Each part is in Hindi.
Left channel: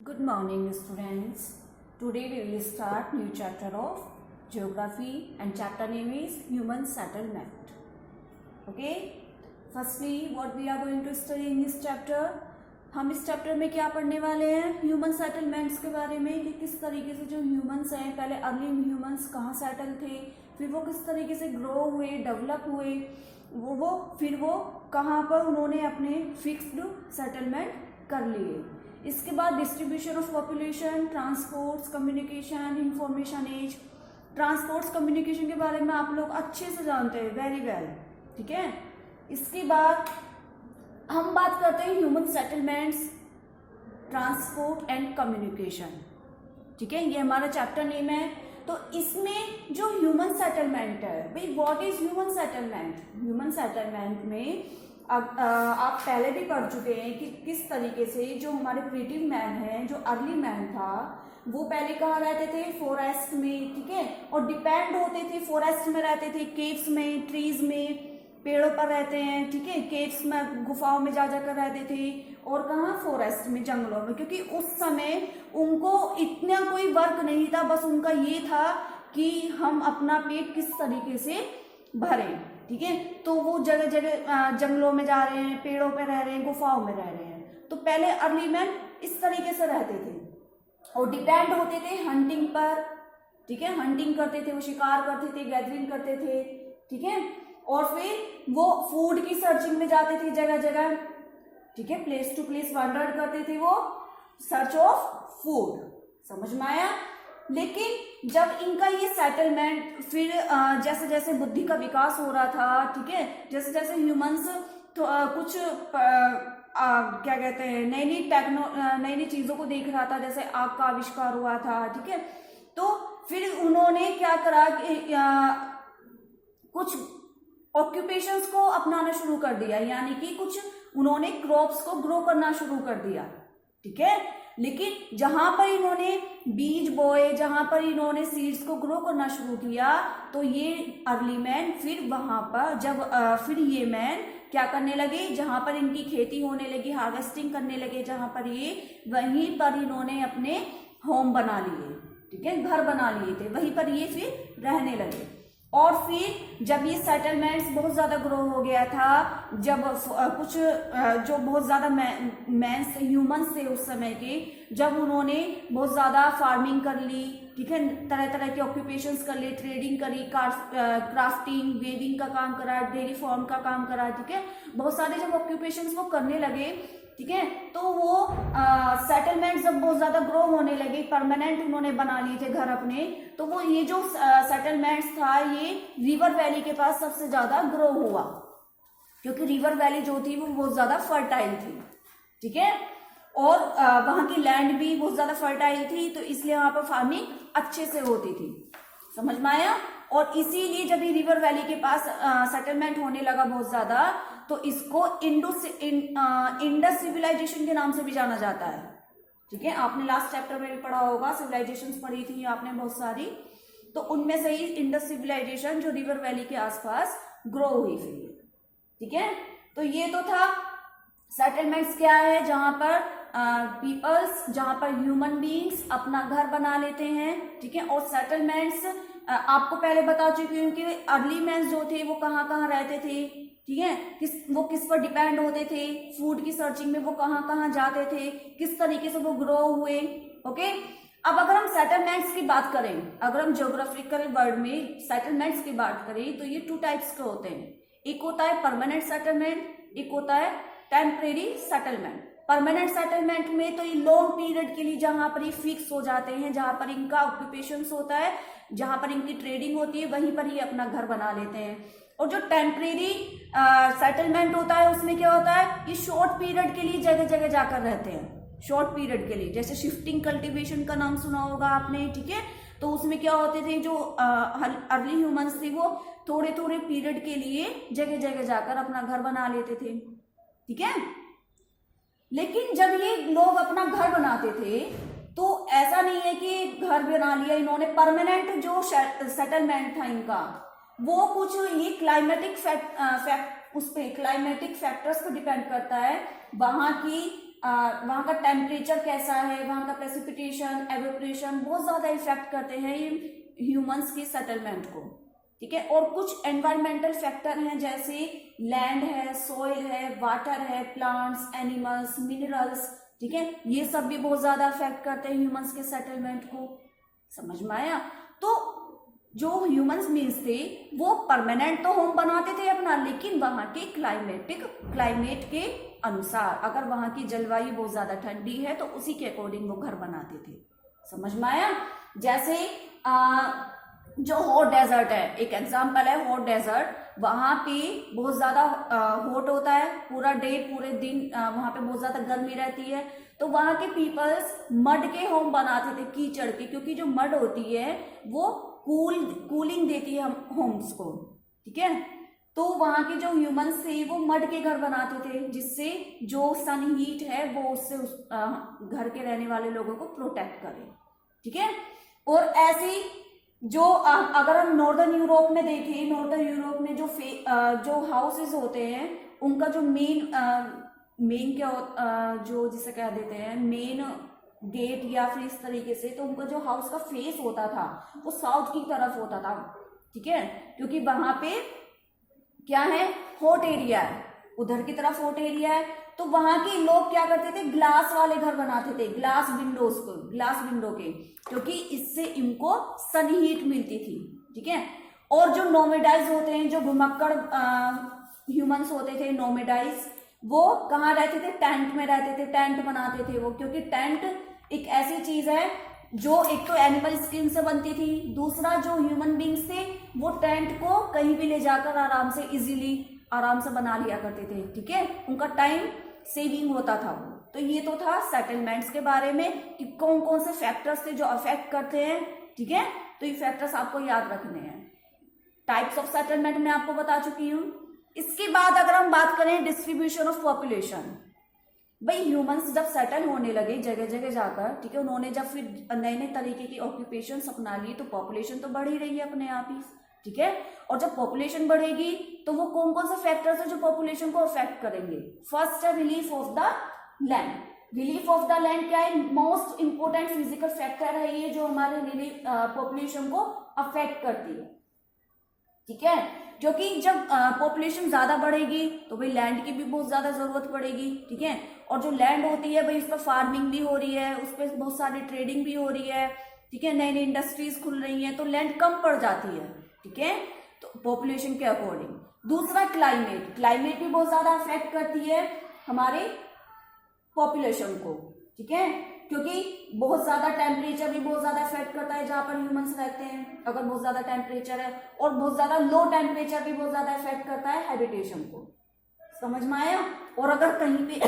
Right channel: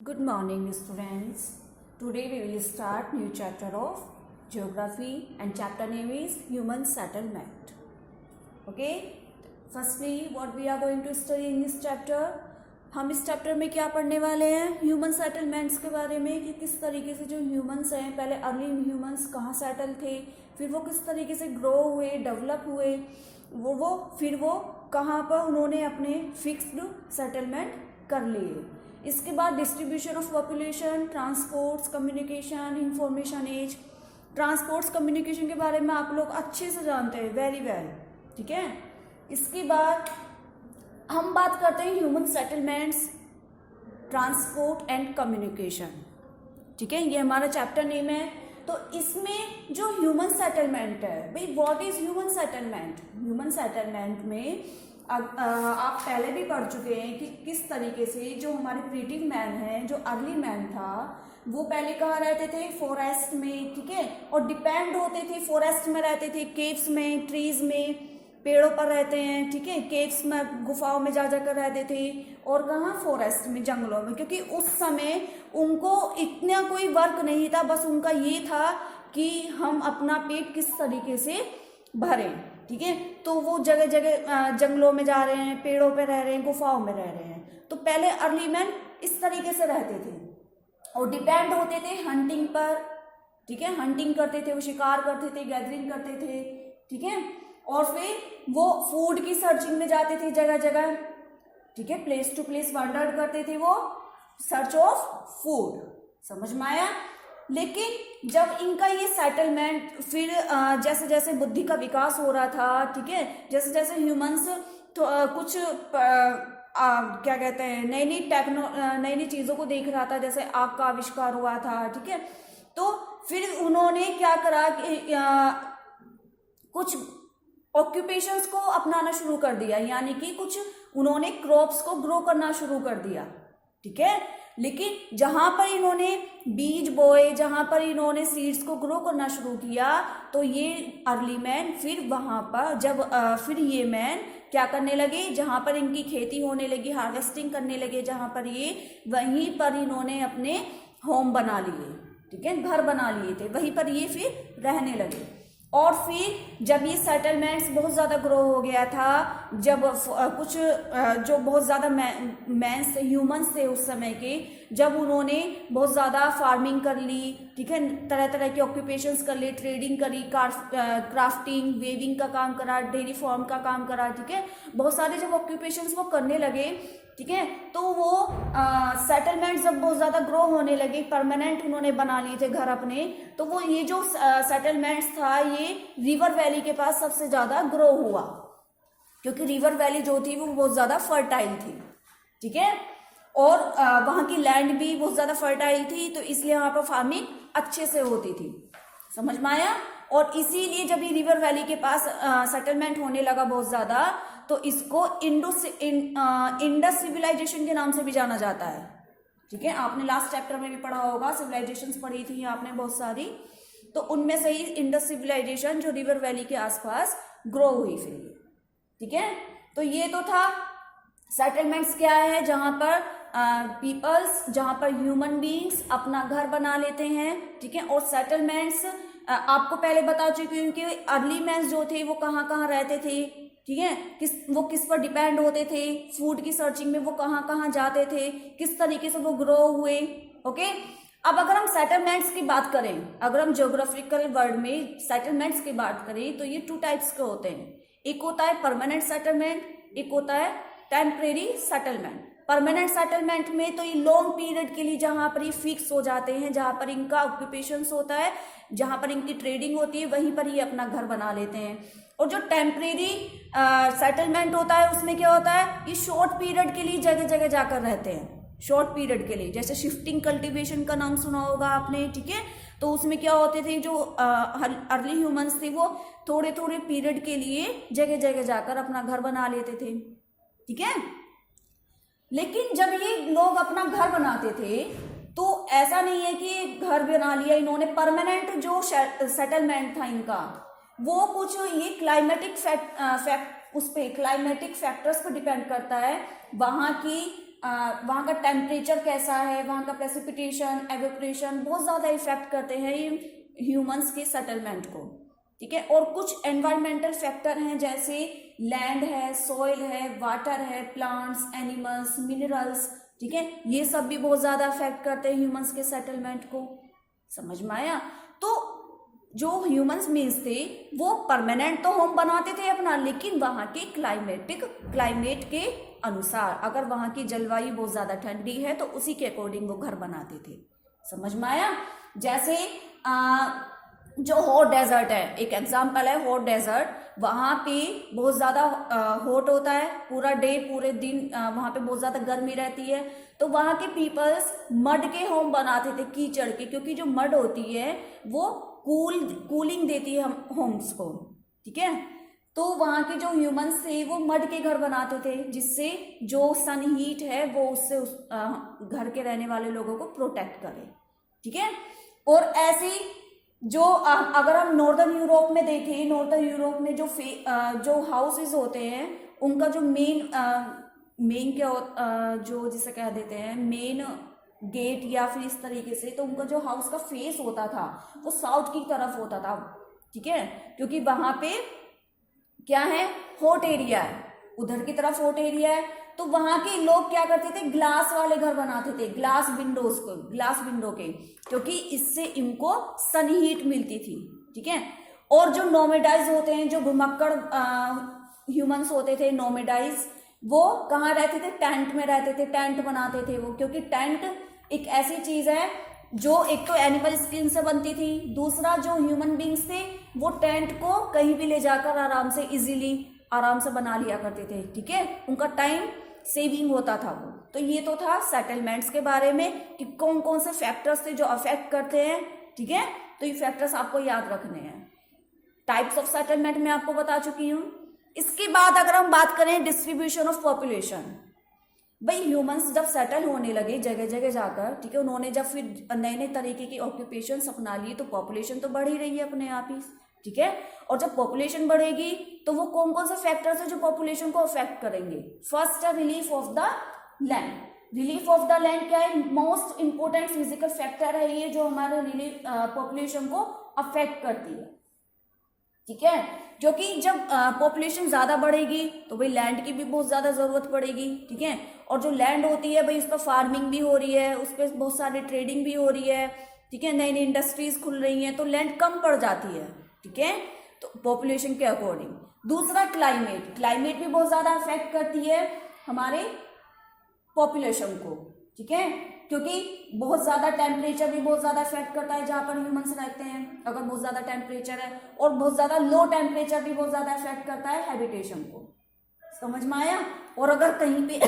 Good morning, students. Today we will start new chapter of geography and chapter name is human settlement. Okay. Firstly, what we are going to study in this chapter? हम इस चैप्टर में क्या पढ़ने वाले हैं? ह्यूमन सेटलमेंट्स के बारे में कि किस तरीके से जो ह्यूमंस हैं, पहले अर्ली ह्यूमंस कहाँ सेटल थे, फिर वो किस तरीके से ग्रो हुए, डेवलप हुए, फिर वो कहाँ पर उन्होंने अपने फिक्स्ड सेटलमेंट कर लिए. इसके बाद distribution of population, transports, communication, information age. Transports communication के बारे में आप लोग अच्छे से जानते हैं, वेरी वेल. ठीक है. इसके बाद हम बात करते हैं human settlements, transport and communication. ठीक है, ये हमारा चैप्टर नेम है. तो इसमें जो ह्यूमन सेटलमेंट है, भाई what is human settlement? Human settlement में अब आप पहले भी पढ़ चुके हैं कि किस तरीके से जो हमारे प्रिमिटिव मैन है, जो अर्ली मैन था, वो पहले कहाँ रहते थे? फॉरेस्ट में. ठीक है, और डिपेंड होते थे, फॉरेस्ट में रहते थे, केव्स में, ट्रीज में, पेड़ों पर रहते हैं. ठीक है, केव्स में, गुफाओं में जा जाकर रहते थे. और कहाँ? फॉरेस्ट में, जंगलों में. क्योंकि उस समय उनको इतना कोई वर्क नहीं था, बस उनका ये था कि हम अपना पेट किस तरीके से भरें. ठीक है, तो वो जगह जगह जंगलों में जा रहे हैं, पेड़ों पे रह रहे हैं, गुफाओं में रह रहे हैं. तो पहले अर्ली मैन इस तरीके से रहते थे और डिपेंड होते थे हंटिंग पर. ठीक है, हंटिंग करते थे, वो शिकार करते थे, गैदरिंग करते थे. ठीक है, और फिर वो फूड की सर्चिंग में जाते थे जगह जगह. ठीक है, प्लेस टू प्लेस वंडर करते थे वो, सर्च ऑफ फूड. समझ में आया? लेकिन जब इनका ये सेटलमेंट फिर जैसे जैसे बुद्धि का विकास हो रहा था, ठीक है, जैसे जैसे ह्यूमंस तो कुछ क्या कहते हैं, नई नई चीजों को देख रहा था, जैसे आग का आविष्कार हुआ था. ठीक है, तो फिर उन्होंने क्या करा कि कुछ ऑक्यूपेशंस को अपनाना शुरू कर दिया, यानी कि कुछ उन्होंने क्रॉप्स को ग्रो करना शुरू कर दिया. ठीक है, लेकिन जहां पर इन्होंने बीज बोए, जहां पर इन्होंने सीड्स को ग्रो करना शुरू किया, तो ये अर्ली मैन फिर वहां पर जब फिर ये मैन क्या करने लगे, जहां पर इनकी खेती होने लगी, हार्वेस्टिंग करने लगे, जहां पर ये, वहीं पर इन्होंने अपने होम बना लिए. ठीक है, घर बना लिए थे, वहीं पर ये फिर रहने लगे. और फिर जब ये सेटलमेंट्स बहुत ज्यादा ग्रो हो गया था, जब कुछ जो बहुत ज्यादा मैंस थे, ह्यूमंस थे उस समय के, जब उन्होंने बहुत ज्यादा फार्मिंग कर ली, ठीक है, तरह तरह के ऑक्यूपेशंस कर ली, ट्रेडिंग करी, क्राफ्टिंग, वेविंग का काम करा, डेयरी फार्म का काम करा. ठीक है, बहुत सारे जब ऑक्यूपेशंस वो करने लगे, ठीक है, तो वो सेटलमेंट जब बहुत ज्यादा ग्रो होने लगे, परमानेंट उन्होंने बना लिए थे घर अपने, तो वो ये जो सेटलमेंट्स था, ये रिवर वैली के पास सबसे ज्यादा ग्रो हुआ, क्योंकि रिवर वैली जो थी वो बहुत ज्यादा फर्टाइल थी. ठीक है, और वहां की लैंड भी बहुत ज्यादा फर्टाइल थी, तो इसलिए वहां पर फार्मिंग अच्छे से होती थी. समझ में आया? और इसीलिए जब ये रिवर वैली के पास सेटलमेंट होने लगा बहुत ज्यादा, तो इसको इंडस सिविलाइजेशन के नाम से भी जाना जाता है. ठीक है, आपने लास्ट चैप्टर में भी पढ़ा होगा, सिविलाइजेशंस पढ़ी थी आपने बहुत सारी, तो उनमें से ही इंडस सिविलाइजेशन जो रिवर वैली के आसपास ग्रो हुई फिर. ठीक है, तो ये तो था सेटलमेंट्स क्या है, जहां पर पीपल्स, जहां पर ह्यूमन बीइंग्स अपना घर बना लेते हैं. ठीक है, और सेटलमेंट्स आपको पहले बता चुकी हूँ कि अर्ली मैन जो थे वो कहाँ कहाँ रहते थे. ठीक है, वो किस पर डिपेंड होते थे, फूड की सर्चिंग में वो कहाँ कहाँ जाते थे, किस तरीके से वो ग्रो हुए. ओके, अब अगर हम सेटलमेंट्स की बात करें, अगर हम ज्योग्राफिकल वर्ड में सेटलमेंट्स की बात करें, तो ये 2 टाइप्स के होते हैं. एक होता है परमानेंट सेटलमेंट, एक होता है टेम्परेरी सेटलमेंट. परमानेंट सेटलमेंट में तो ये लॉन्ग पीरियड के लिए जहां पर ये फिक्स हो जाते हैं, जहां पर इनका ऑक्यूपेशन होता है, जहां पर इनकी ट्रेडिंग होती है, वहीं पर ये अपना घर बना लेते हैं. और जो टेम्परेरी सेटलमेंट होता है, उसमें क्या होता है, ये शॉर्ट पीरियड के लिए जगह जगह जाकर रहते हैं, शॉर्ट पीरियड के लिए. जैसे शिफ्टिंग कल्टीवेशन का नाम सुना होगा आपने. ठीक है, तो उसमें क्या होते थे, जो अर्ली ह्यूमंस थे वो थोड़े थोड़े पीरियड के लिए जगह जगह जाकर अपना घर बना लेते थे. ठीक है, लेकिन जब ये लोग अपना घर बनाते थे, तो ऐसा नहीं है कि घर बना लिया इन्होंने, परमानेंट जो सेटलमेंट था इनका, वो कुछ ये क्लाइमेटिक क्लाइमेटिक फैक्टर्स पर डिपेंड करता है. वहां की वहाँ का टेम्परेचर कैसा है, वहाँ का प्रेसिपिटेशन, एवेपोरेशन बहुत ज्यादा इफेक्ट करते हैं ह्यूमंस के सेटलमेंट को, ठीक है। और कुछ एनवायरमेंटल फैक्टर हैं जैसे लैंड है, सॉइल है, वाटर है, प्लांट्स, एनिमल्स, मिनरल्स, ठीक है, ये सब भी बहुत ज्यादा अफेक्ट करते हैं ह्यूमंस के सेटलमेंट को। समझ में आया? तो जो ह्यूमंस मीन्स थे वो परमानेंट तो होम बनाते थे अपना, लेकिन वहां के क्लाइमेट के अनुसार, अगर वहां की जलवायु बहुत ज्यादा ठंडी है तो उसी के अकॉर्डिंग वो घर बनाते थे। समझ में आया? जैसे जो हॉट डेजर्ट है, एक एग्जांपल है हॉट डेजर्ट, वहां पे बहुत ज्यादा हॉट होता है, पूरा डे पूरे दिन वहां पे बहुत ज्यादा गर्मी रहती है, तो वहां के पीपल्स मड के होम बनाते थे, कीचड़ के, क्योंकि जो मड होती है वो कूलिंग देती है हम होम्स को, ठीक है। तो वहां के जो ह्यूमंस थे वो मड के घर बनाते थे, जिससे जो सन हीट है वो उससे घर के रहने वाले लोगों को प्रोटेक्ट करे, ठीक है। और ऐसी जो अगर हम नॉर्दर्न यूरोप में देखें, नॉर्दर्न यूरोप में जो हाउसेस होते हैं उनका जो मेन क्या जो जिसे कह देते हैं मेन गेट या फिर इस तरीके से, तो उनका जो हाउस का फेस होता था वो साउथ की तरफ होता था, ठीक है, क्योंकि वहां पे क्या है, हॉट एरिया है, उधर की तरफ हॉट एरिया है। तो वहां के लोग क्या करते थे, ग्लास वाले घर बनाते थे, ग्लास विंडो के, क्योंकि इससे इनको सन हीट मिलती थी, ठीक है। और जो नोमेडाइज होते हैं, जो घुमक्कड़ ह्यूमंस होते थे नोमेडाइज, वो कहाँ रहते थे, टेंट में रहते थे, टेंट बनाते थे वो, क्योंकि टेंट एक ऐसी चीज है जो एक तो एनिमल स्किन से बनती थी, दूसरा जो ह्यूमन बींग्स थे वो टेंट को कहीं भी ले जाकर आराम से बना लिया करते थे, ठीक है, उनका टाइम सेविंग होता था वो। तो ये तो था सेटलमेंट्स के बारे में कि कौन कौन से फैक्टर्स थे जो अफेक्ट करते हैं, ठीक है। तो ये फैक्टर्स आपको याद रखने हैं। टाइप्स ऑफ सेटलमेंट मैं आपको बता चुकी हूं। इसके बाद अगर हम बात करें डिस्ट्रीब्यूशन ऑफ पॉपुलेशन, भाई ह्यूमंस जब सेटल होने लगे जगह जगह जाकर, ठीक है, उन्होंने जब फिर नए नए तरीके की ऑक्यूपेशन अपना लिए, तो पॉपुलेशन तो बढ़ ही रही है अपने आप ही, ठीक है। और जब पॉपुलेशन बढ़ेगी तो वो कौन कौन से फैक्टर्स है जो पॉपुलेशन को अफेक्ट करेंगे। फर्स्ट है relief of the land. Relief of the land क्या है, मोस्ट इंपोर्टेंट फिजिकल फैक्टर है ये, जो हमारे रिलीफ पॉपुलेशन को अफेक्ट करती है, ठीक है। क्योंकि जब पॉपुलेशन ज्यादा बढ़ेगी तो भाई लैंड की भी बहुत ज्यादा जरूरत पड़ेगी, ठीक है। और जो लैंड होती है भाई उस पर फार्मिंग भी हो रही है, उस पर बहुत सारी ट्रेडिंग भी हो रही है, ठीक है, नई नई इंडस्ट्रीज खुल रही हैं, तो लैंड कम पड़ जाती है, ठीक है, तो पॉपुलेशन के अकॉर्डिंग। दूसरा क्लाइमेट भी बहुत ज्यादा अफेक्ट करती है हमारे पॉपुलेशन को, ठीक है, क्योंकि बहुत ज्यादा टेम्परेचर भी बहुत ज्यादा अफेक्ट करता है जहां पर ह्यूमंस रहते हैं, अगर बहुत ज्यादा टेम्परेचर है, और बहुत ज्यादा लो टेम्परेचर भी बहुत ज्यादा अफेक्ट करता है हैबिटेशन को। समझ में आया? और अगर कहीं पे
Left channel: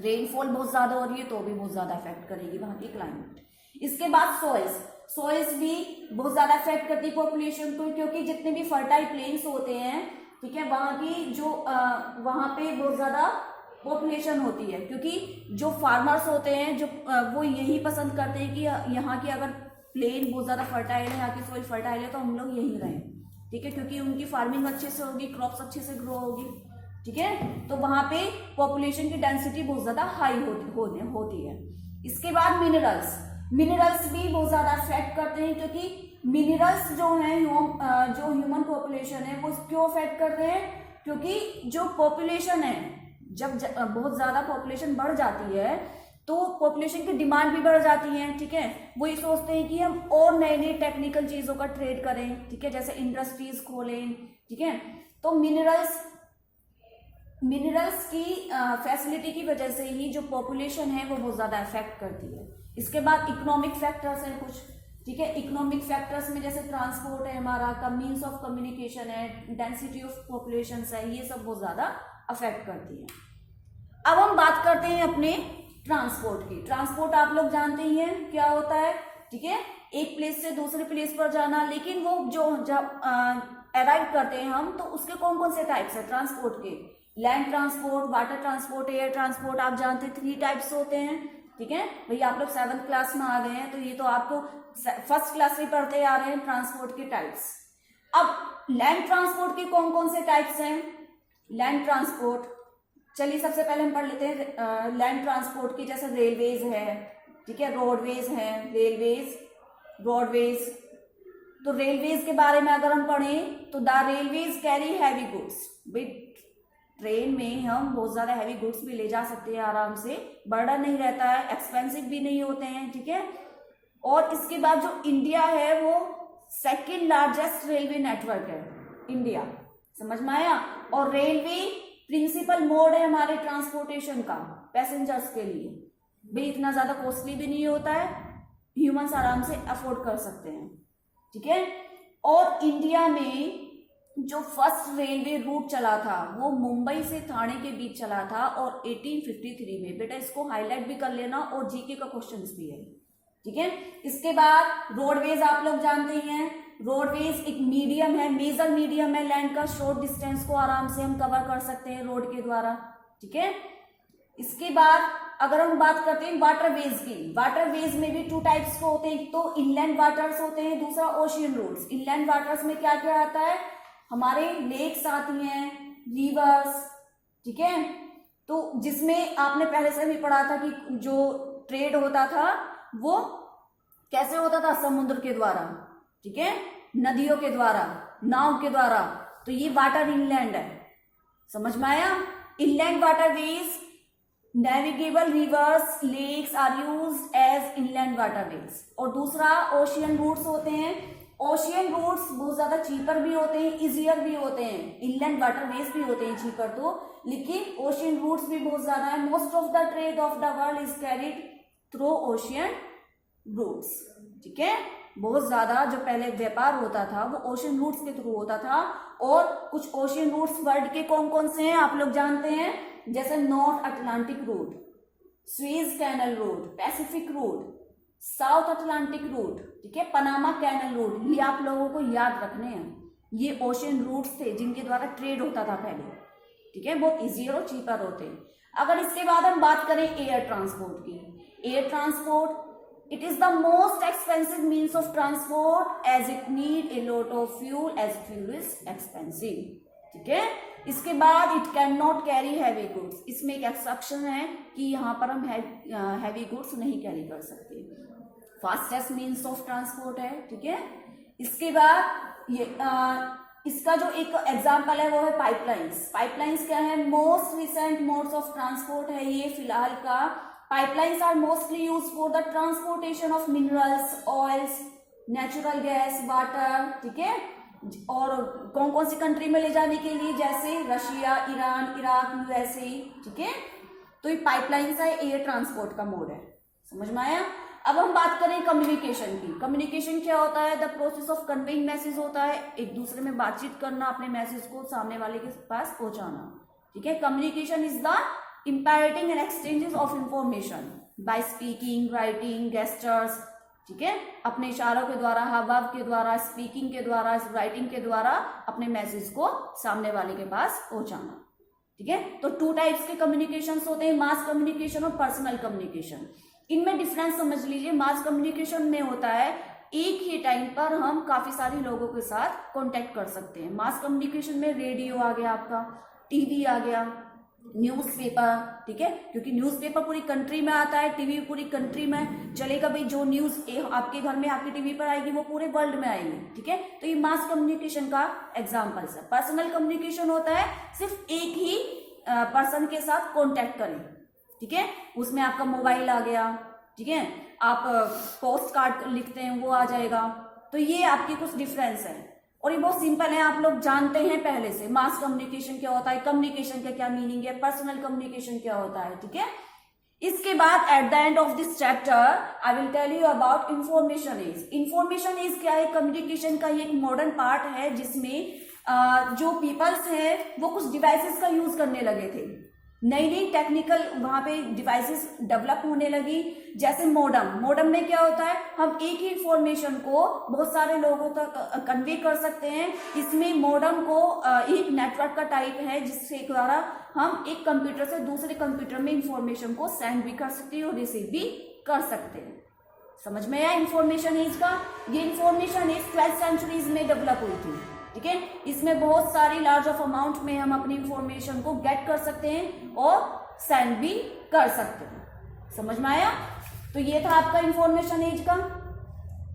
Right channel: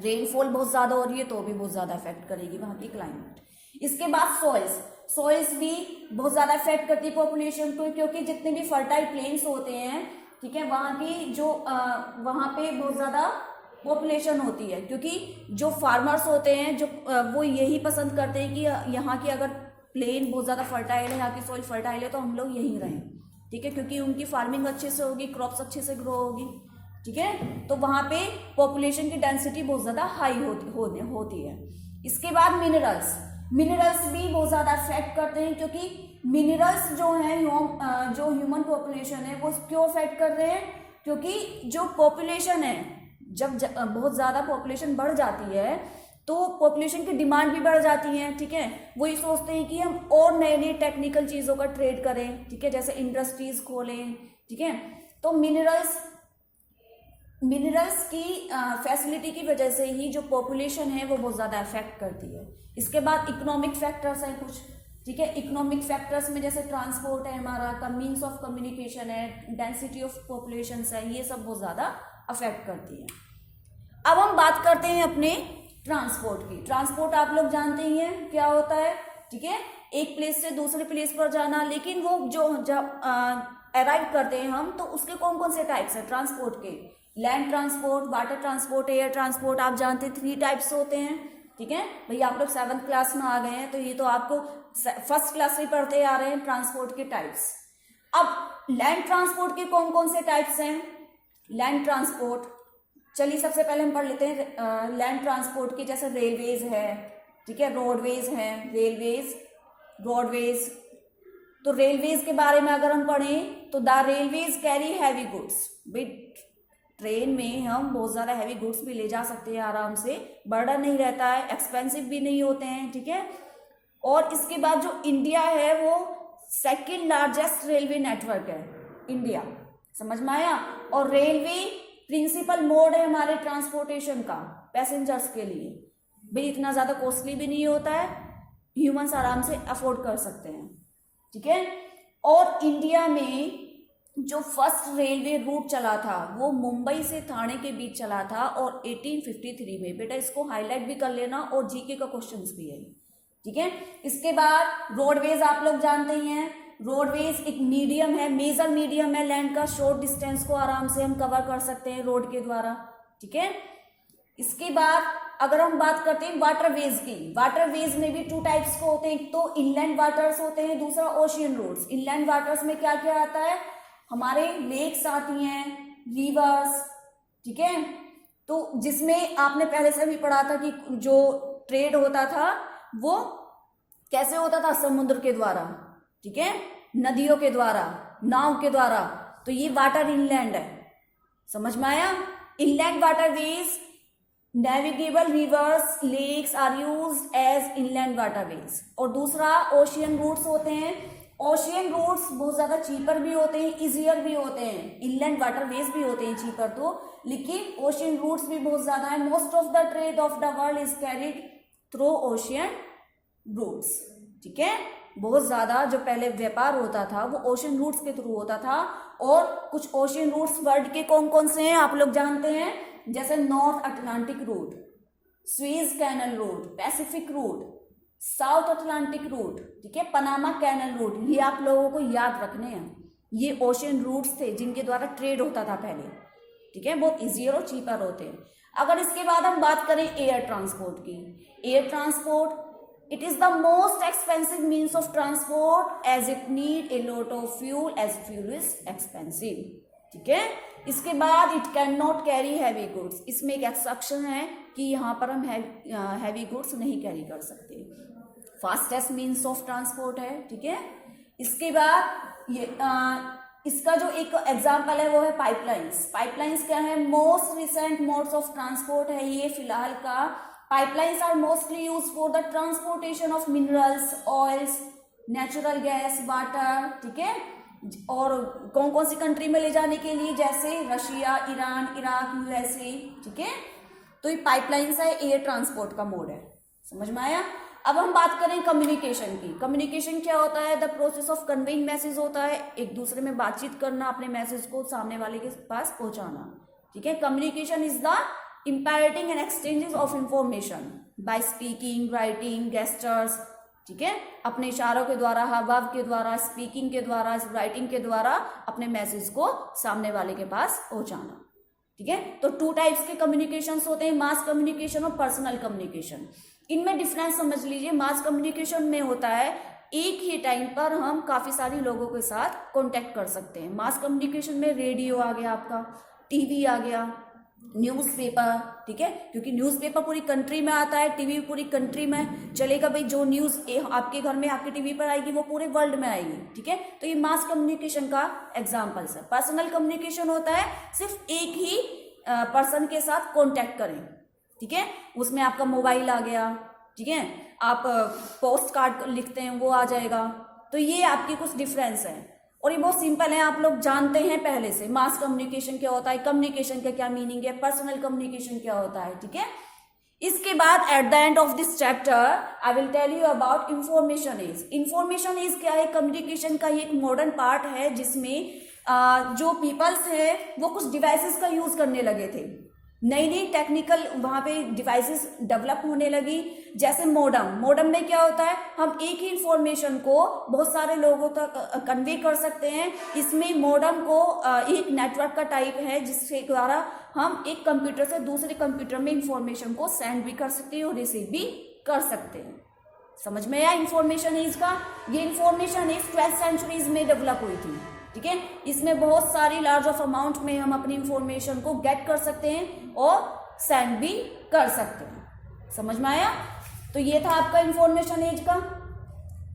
रेनफॉल बहुत ज्यादा हो रही है तो भी बहुत ज्यादा अफेक्ट करेगी वहां की क्लाइमेट। इसके बाद सॉइल्स भी बहुत ज्यादा अफेक्ट करती है पॉपुलेशन को, क्योंकि जितने भी फर्टाइल प्लेन्स होते हैं, ठीक है, वहां की जो वहां पे बहुत ज्यादा पॉपुलेशन होती है, क्योंकि जो फार्मर्स होते हैं जो वो यही पसंद करते हैं कि यहाँ की अगर प्लेन बहुत ज्यादा फर्टाइल है, यहाँ की सॉइल फर्टाइल है, तो हम लोग यहीं रहें, ठीक है, क्योंकि उनकी फार्मिंग अच्छे से होगी, क्रॉप्स अच्छे से ग्रो होगी, ठीक है। तो वहां पे पॉपुलेशन की डेंसिटी बहुत ज्यादा हाई होती है। इसके बाद मिनरल्स भी बहुत ज्यादा अफेक्ट करते हैं, क्योंकि मिनरल्स जो है जो ह्यूमन पॉपुलेशन है वो क्यों अफेक्ट करते हैं, क्योंकि जो पॉपुलेशन है जब बहुत ज्यादा पॉपुलेशन बढ़ जाती है तो पॉपुलेशन की डिमांड भी बढ़ जाती है, ठीक है। वो ये सोचते हैं कि हम और नए नए टेक्निकल चीजों का ट्रेड करें, ठीक है, जैसे इंडस्ट्रीज खोलें, ठीक है। तो मिनरल्स की फैसिलिटी की वजह से ही जो पॉपुलेशन है वो बहुत ज्यादा अफेक्ट करती है। इसके बाद इकोनॉमिक फैक्टर्स हैं कुछ, ठीक है। इकोनॉमिक फैक्टर्स में जैसे ट्रांसपोर्ट है हमारा, मीन्स ऑफ कम्युनिकेशन है, डेंसिटी ऑफ पॉपुलेशन है, ये सब बहुत ज्यादा अफेक्ट करती है। अब हम बात करते हैं अपने ट्रांसपोर्ट की। ट्रांसपोर्ट आप लोग जानते ही हैं क्या होता है, ठीक है, एक प्लेस से दूसरे प्लेस पर जाना। लेकिन वो जो जब अराइव करते हैं हम, तो उसके कौन कौन से टाइप्स है ट्रांसपोर्ट के, land transport, water transport, air transport, आप जानते हैं 3 टाइप्स होते हैं, ठीक है। भैया आप लोग 7th क्लास में आ गए हैं, तो ये तो आपको फर्स्ट क्लास में पढ़ते आ रहे हैं ट्रांसपोर्ट के टाइप्स। अब लैंड ट्रांसपोर्ट के कौन कौन से टाइप्स हैं, लैंड ट्रांसपोर्ट चलिए सबसे पहले हम पढ़ लेते हैं लैंड ट्रांसपोर्ट के, जैसे रेलवेज है, ठीक है, रोडवेज हैं, रेलवेज, रोडवेज। तो रेलवेज के बारे में अगर हम पढ़ें तो the railways carry heavy goods. Train में हम बहुत ज़्यादा हैवी गुड्स भी ले जा सकते हैं आराम से, बर्डन नहीं रहता है, एक्सपेंसिव भी नहीं होते हैं, ठीक है। और इसके बाद जो इंडिया है वो सेकेंड लार्जेस्ट रेलवे नेटवर्क है इंडिया, समझ में आया। और रेलवे प्रिंसिपल मोड है हमारे ट्रांसपोर्टेशन का पैसेंजर्स के लिए, भाई इतना ज़्यादा कॉस्टली भी नहीं होता है, ह्यूमंस आराम से अफोर्ड कर सकते हैं, ठीक है। और इंडिया में जो फर्स्ट रेलवे रूट चला था वो मुंबई से ठाणे के बीच चला था और 1853 में। बेटा इसको हाईलाइट भी कर लेना और जीके का क्वेश्चंस भी है, ठीक है। इसके बाद रोडवेज आप लोग जानते ही हैं, रोडवेज एक मीडियम है, मेजर मीडियम है लैंड का, शॉर्ट डिस्टेंस को आराम से हम कवर कर सकते हैं रोड के द्वारा, ठीक है। इसके बाद अगर हम बात करते हैं वाटरवेज की, वाटरवेज में भी टू टाइप्स के होते हैं, एक तो इनलैंड वाटर्स होते हैं, दूसरा ओशियन रोड्स। इनलैंड वाटर्स में क्या क्या आता है, हमारे लेक्स आती हैं, रिवर्स, ठीक है। तो जिसमें आपने पहले से भी पढ़ा था कि जो ट्रेड होता था वो कैसे होता था, समुद्र के द्वारा, ठीक है, नदियों के द्वारा, नाव के द्वारा। तो ये वाटर इनलैंड है, समझ में आया। Inland waterways, navigable rivers, lakes are used as inland waterways. और दूसरा ओशियन रूट्स होते हैं। ओशियन रूट्स बहुत ज्यादा चीपर भी होते हैं, इजियर भी होते हैं, इनलैंड वाटरवेज भी होते हैं चीपर तो, लेकिन ओशियन रूट्स भी बहुत ज्यादा है। Most of the trade of the world is carried through ocean routes, ठीक है। बहुत ज्यादा जो पहले व्यापार होता था वो ओशियन रूट्स के थ्रू होता था। और कुछ ओशियन रूट्स वर्ल्ड के कौन कौन से हैं आप लोग जानते हैं, जैसे North Atlantic route, Suez canal route, Pacific route, South Atlantic route, ठीक है, पनामा कैनल रूट। ये आप लोगों को याद रखने हैं, ये ओशियन रूट्स थे जिनके द्वारा ट्रेड होता था पहले, ठीक है, बहुत इजियर और चीपर होते हैं। अगर इसके बाद हम बात करें एयर ट्रांसपोर्ट की, air transport it is the most expensive means of transport as it need a lot of fuel as fuel is expensive, ठीक है। इसके बाद it can not carry heavy goods, इसमें एक एक्सेप्शन है कि यहाँ पर हम हैवी गुड्स नहीं कैरी कर सकते। फास्टेस्ट मीन्स ऑफ ट्रांसपोर्ट है, ठीक है। इसके बाद ये इसका जो एक एग्जाम्पल है वो है पाइपलाइंस। पाइपलाइंस क्या है, most recent modes of transport है ये फिलहाल का। Pipelines are mostly use for the transportation of minerals, oils, natural gas, water, ठीक है। और कौन कौन सी कंट्री में ले जाने के लिए, जैसे रशिया, ईरान, इराक, यूएसए, ठीक है। तो ये पाइपलाइंस है, एयर ट्रांसपोर्ट का मोड है, समझ में आया। अब हम बात करें कम्युनिकेशन की। कम्युनिकेशन क्या होता है, the process of conveying message होता है, एक दूसरे में बातचीत करना, अपने मैसेज को सामने वाले के पास पहुंचाना, ठीक है। Communication is the imparting and exchanges of information by speaking, writing, gestures, ठीक है, अपने इशारों के द्वारा, हाव के द्वारा, स्पीकिंग के द्वारा, राइटिंग के द्वारा अपने मैसेज को सामने वाले के पास पहुंचाना, ठीक है। तो टू टाइप्स के कम्युनिकेशन होते हैं, मास कम्युनिकेशन और पर्सनल कम्युनिकेशन। इनमें डिफरेंस समझ लीजिए। मास कम्युनिकेशन में होता है एक ही टाइम पर हम काफी सारे लोगों के साथ कांटेक्ट कर सकते हैं। मास कम्युनिकेशन में रेडियो आ गया आपका, टीवी आ गया, न्यूज़पेपर, ठीक है, क्योंकि न्यूज़पेपर पूरी कंट्री में आता है, टीवी पूरी कंट्री में चलेगा। भाई जो न्यूज आपके घर में आपके टीवी पर आएगी वो पूरे वर्ल्ड में आएगी, ठीक है। तो ये मास कम्युनिकेशन का एग्जाम्पल है। पर्सनल कम्युनिकेशन होता है सिर्फ एक ही पर्सन के साथ कॉन्टेक्ट करें, ठीक है, उसमें आपका मोबाइल आ गया, ठीक है, आप पोस्ट कार्ड लिखते हैं वो आ जाएगा। तो ये आपकी कुछ डिफरेंस है और ये बहुत सिंपल है, आप लोग जानते हैं पहले से। मास कम्युनिकेशन क्या होता है, कम्युनिकेशन का क्या मीनिंग है, पर्सनल कम्युनिकेशन क्या होता है, ठीक है। इसके बाद at the end of this chapter I will tell you about information age. Information age क्या है, कम्युनिकेशन का ये एक मॉडर्न पार्ट है जिसमें जो पीपल्स है वो कुछ डिवाइसेस का यूज करने लगे थे। नई नई टेक्निकल वहां पे डिवाइसेस डेवलप होने लगी, जैसे मॉडम। मॉडम में क्या होता है, हम एक ही इंफॉर्मेशन को बहुत सारे लोगों तक कन्वे कर सकते हैं। इसमें मॉडम को एक नेटवर्क का टाइप है जिसके द्वारा हम एक कंप्यूटर से दूसरे कंप्यूटर में इंफॉर्मेशन को सेंड भी कर सकते हैं और रिसीव भी कर सकते हैं। समझ में आया इंफॉर्मेशन एज का। ये इंफॉर्मेशन एज 12th सेंचुरीज में डेवलप हुई थी, ठीक है। इसमें बहुत सारी लार्ज ऑफ अमाउंट में हम अपनी इंफॉर्मेशन को गेट कर सकते हैं और सेंड भी कर सकते हैं। समझ में आया? तो ये था आपका इंफॉर्मेशन एज का।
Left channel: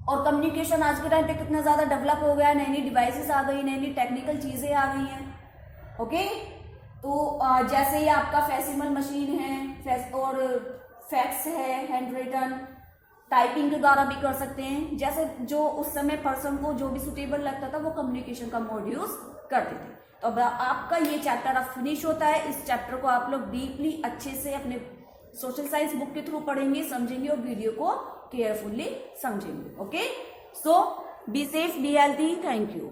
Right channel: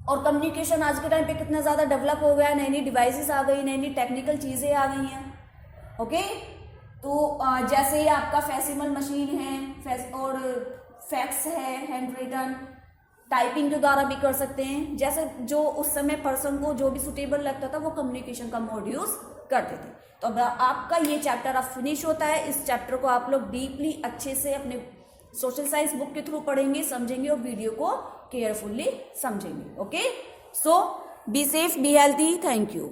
और कम्युनिकेशन आज के टाइम पे कितना ज्यादा डेवलप हो गया है, नई नई डिवाइसेस आ गई, नई नई टेक्निकल चीजें आ गई हैं। ओके, तो जैसे ही आपका फैक्सिमल मशीन है और फैक्स है, हैंड रिटन, टाइपिंग के द्वारा भी कर सकते हैं। जैसे जो उस समय पर्सन को जो भी सुटेबल लगता था वो कम्युनिकेशन का मोड यूज करते थे। तो अब आपका ये चैप्टर अब फिनिश होता है। इस चैप्टर को आप लोग डीपली अच्छे से अपने सोशल साइंस बुक के थ्रू पढ़ेंगे, समझेंगे और वीडियो को केयरफुली समझेंगे। Okay, so be safe, be healthy, thank you.